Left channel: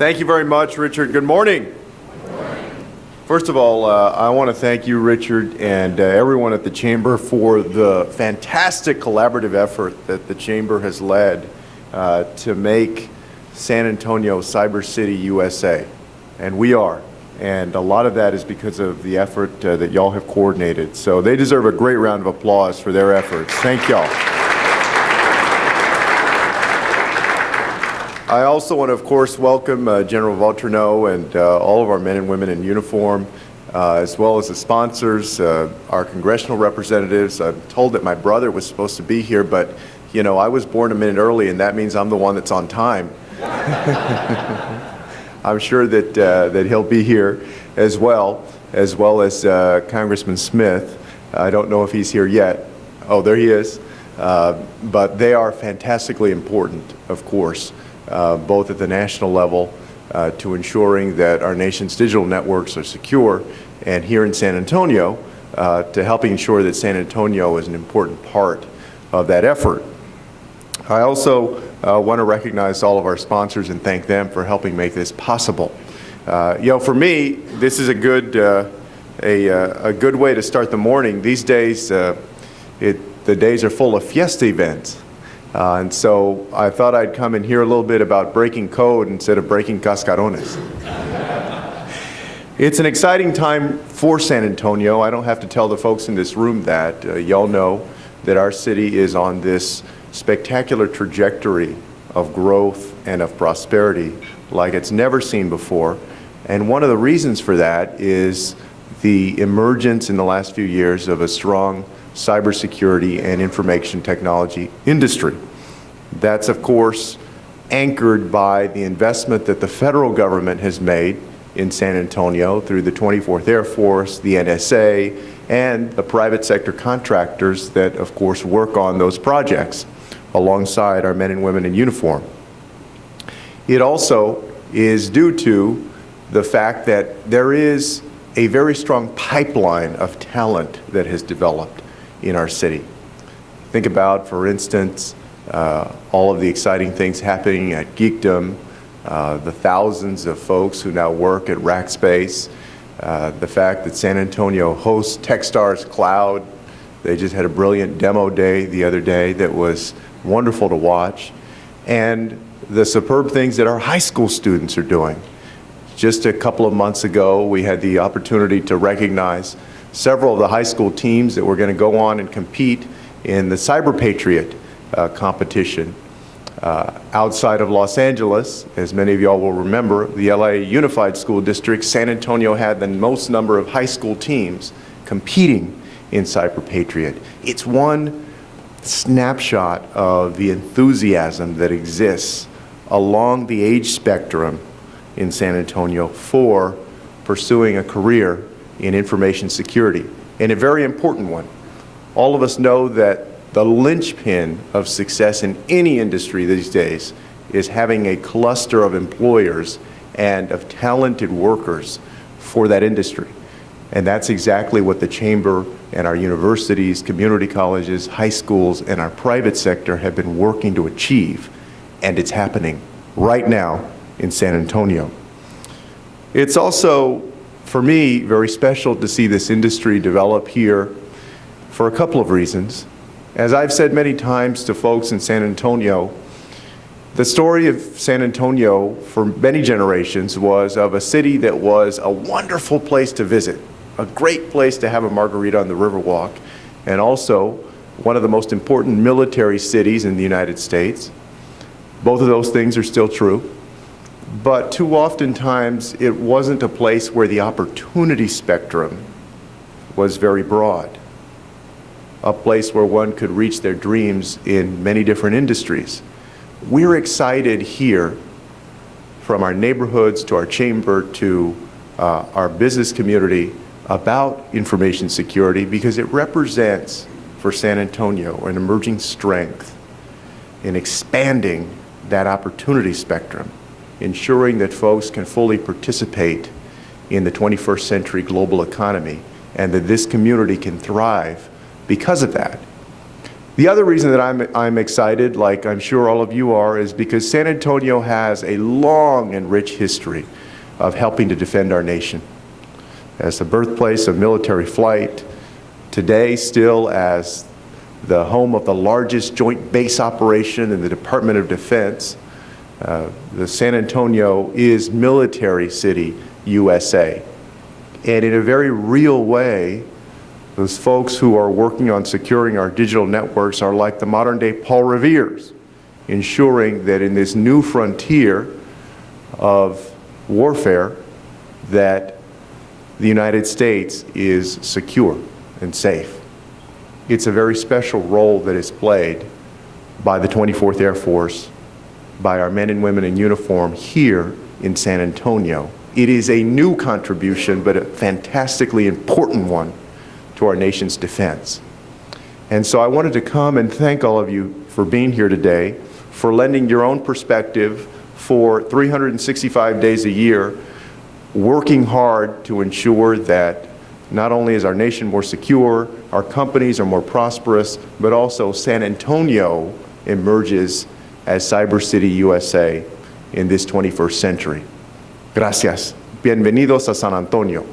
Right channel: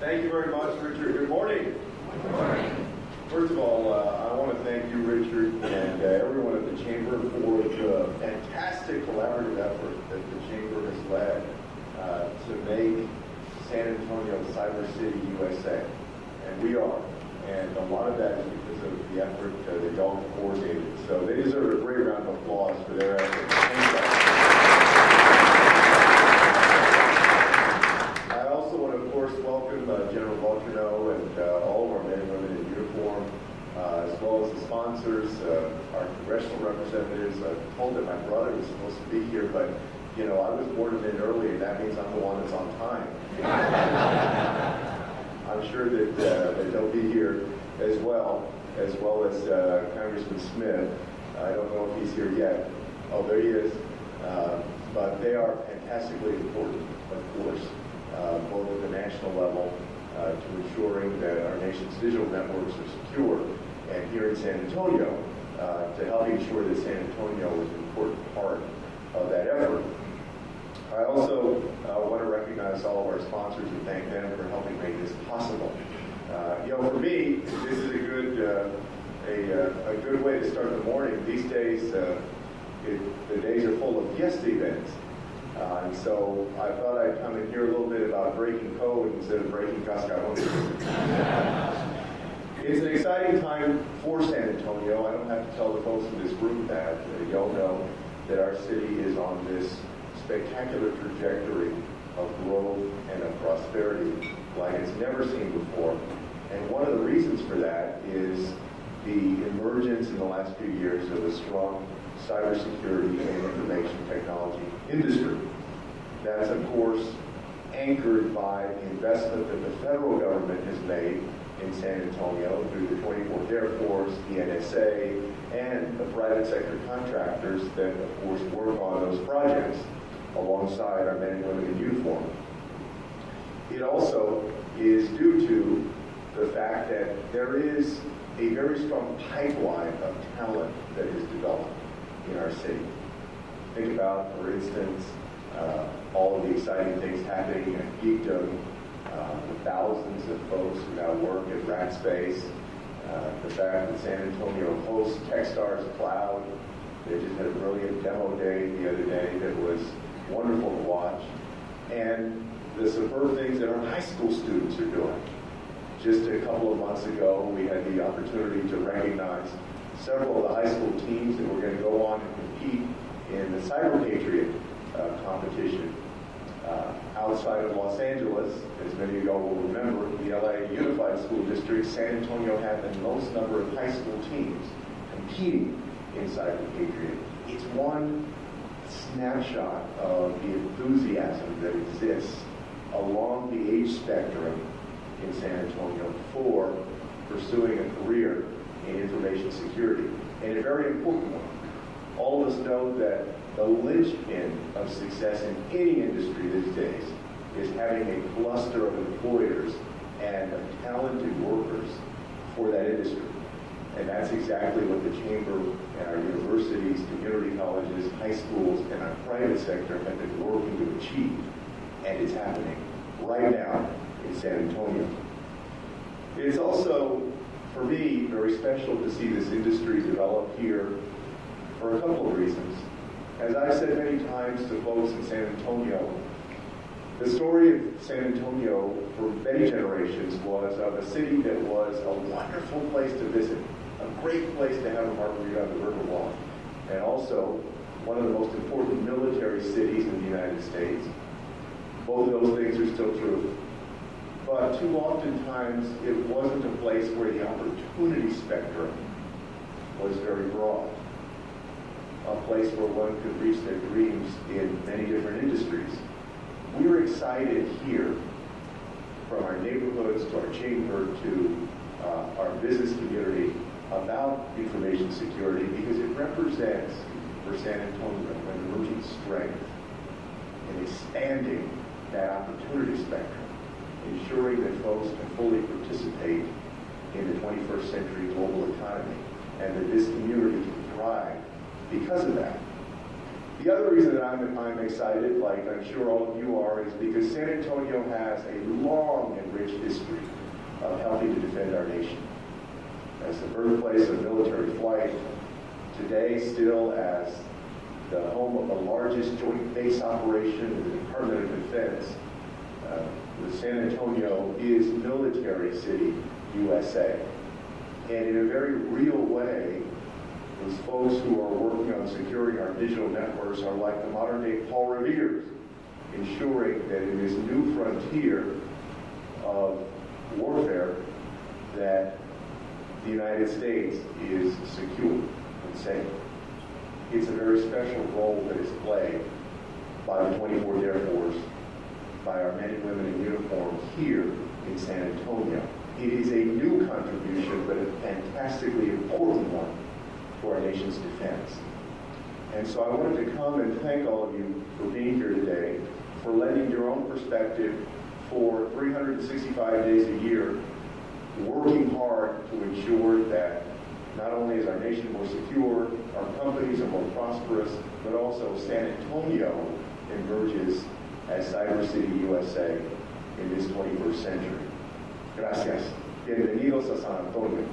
Thank you very much, Richard. Good morning. Good morning. First of all, I want to thank you, Richard, and everyone at the Chamber for the fantastic collaborative effort that the Chamber has led to make San Antonio Cyber City, USA. And we are. And a lot of that is because of the effort that y'all have coordinated. So they deserve a great round of applause for their efforts. Thank y'all. I also want to, of course, welcome General Vautrinot and all of our men and women in uniform, as well as the sponsors, our congressional representatives. I'm told that my brother was supposed to be here, but, you know, I was born a minute early, and that means I'm the one that's on time. I'm sure that he'll be here as well as Congressman Smith. I don't know if he's here yet. Oh, there he is. But they are fantastically important, of course. Both at the national level to ensuring that our nation's digital networks are secure, and here in San Antonio to helping ensure that San Antonio is an important part of that effort. I also want to recognize all of our sponsors and thank them for helping make this possible. You know, for me, this is a good way to start the morning. These days, the days are full of fiesta events. And so I thought I'd come and hear a little bit about breaking code instead of breaking cascarones. It's an exciting time for San Antonio. I don't have to tell the folks in this room that. Y'all know that our city is on this spectacular trajectory of growth and of prosperity like it's never seen before. And one of the reasons for that is the emergence in the last few years of a strong cybersecurity and information technology industry. That's, of course, anchored by the investment that the federal government has made in San Antonio through the 24th Air Force, the NSA, and the private sector contractors that, of course, work on those projects alongside our men and women in uniform. It also is due to the fact that there is a very strong pipeline of talent that has developed in our city. Think about, for instance, all of the exciting things happening at Geekdom, the thousands of folks who now work at Rackspace, the fact that San Antonio hosts Techstars Cloud. They just had a brilliant demo day the other day that was wonderful to watch, and the superb things that our high school students are doing. Just a couple of months ago, we had the opportunity to recognize several of the high school teams that were going to go on and compete in the Cyber Patriot competition. Outside of Los Angeles, as many of y'all will remember, the LA Unified School District, San Antonio had the most number of high school teams competing in Cyber Patriot. It's one snapshot of the enthusiasm that exists along the age spectrum in San Antonio for pursuing a career in information security, and a very important one. All of us know that the linchpin of success in any industry these days is having a cluster of employers and of talented workers for that industry. And that's exactly what the Chamber and our universities, community colleges, high schools, and our private sector have been working to achieve, and it's happening right now in San Antonio. It's also, for me, very special to see this industry develop here for a couple of reasons. As I've said many times to folks in San Antonio, the story of San Antonio for many generations was of a city that was a wonderful place to visit, a great place to have a margarita on the Riverwalk, and also one of the most important military cities in the United States. Both of those things are still true. But too oftentimes, it wasn't a place where the opportunity spectrum was very broad. A place where one could reach their dreams in many different industries. We're excited here, from our neighborhoods to our chamber to our business community, about information security because it represents, for San Antonio, an emerging strength in expanding that opportunity spectrum, ensuring that folks can fully participate in the 21st century global economy and that this community can thrive because of that. The other reason that I'm excited, like I'm sure all of you are, is because San Antonio has a long and rich history of helping to defend our nation. As the birthplace of military flight, today still as the home of the largest joint base operation in the Department of Defense, the San Antonio is Military City, USA. And in a very real way, those folks who are working on securing our digital networks are like the modern day Paul Revere's, ensuring that in this new frontier of warfare, that the United States is secure and safe. It's a very special role that is played by the 24th Air Force, by our men and women in uniform here in San Antonio. It is a new contribution, but a fantastically important one to our nation's defense. And so I wanted to come and thank all of you for being here today, for lending your own perspective for 365 days a year, working hard to ensure that not only is our nation more secure, our companies are more prosperous, but also San Antonio emerges as Cyber City USA in this 21st century. Gracias. Bienvenidos a San Antonio.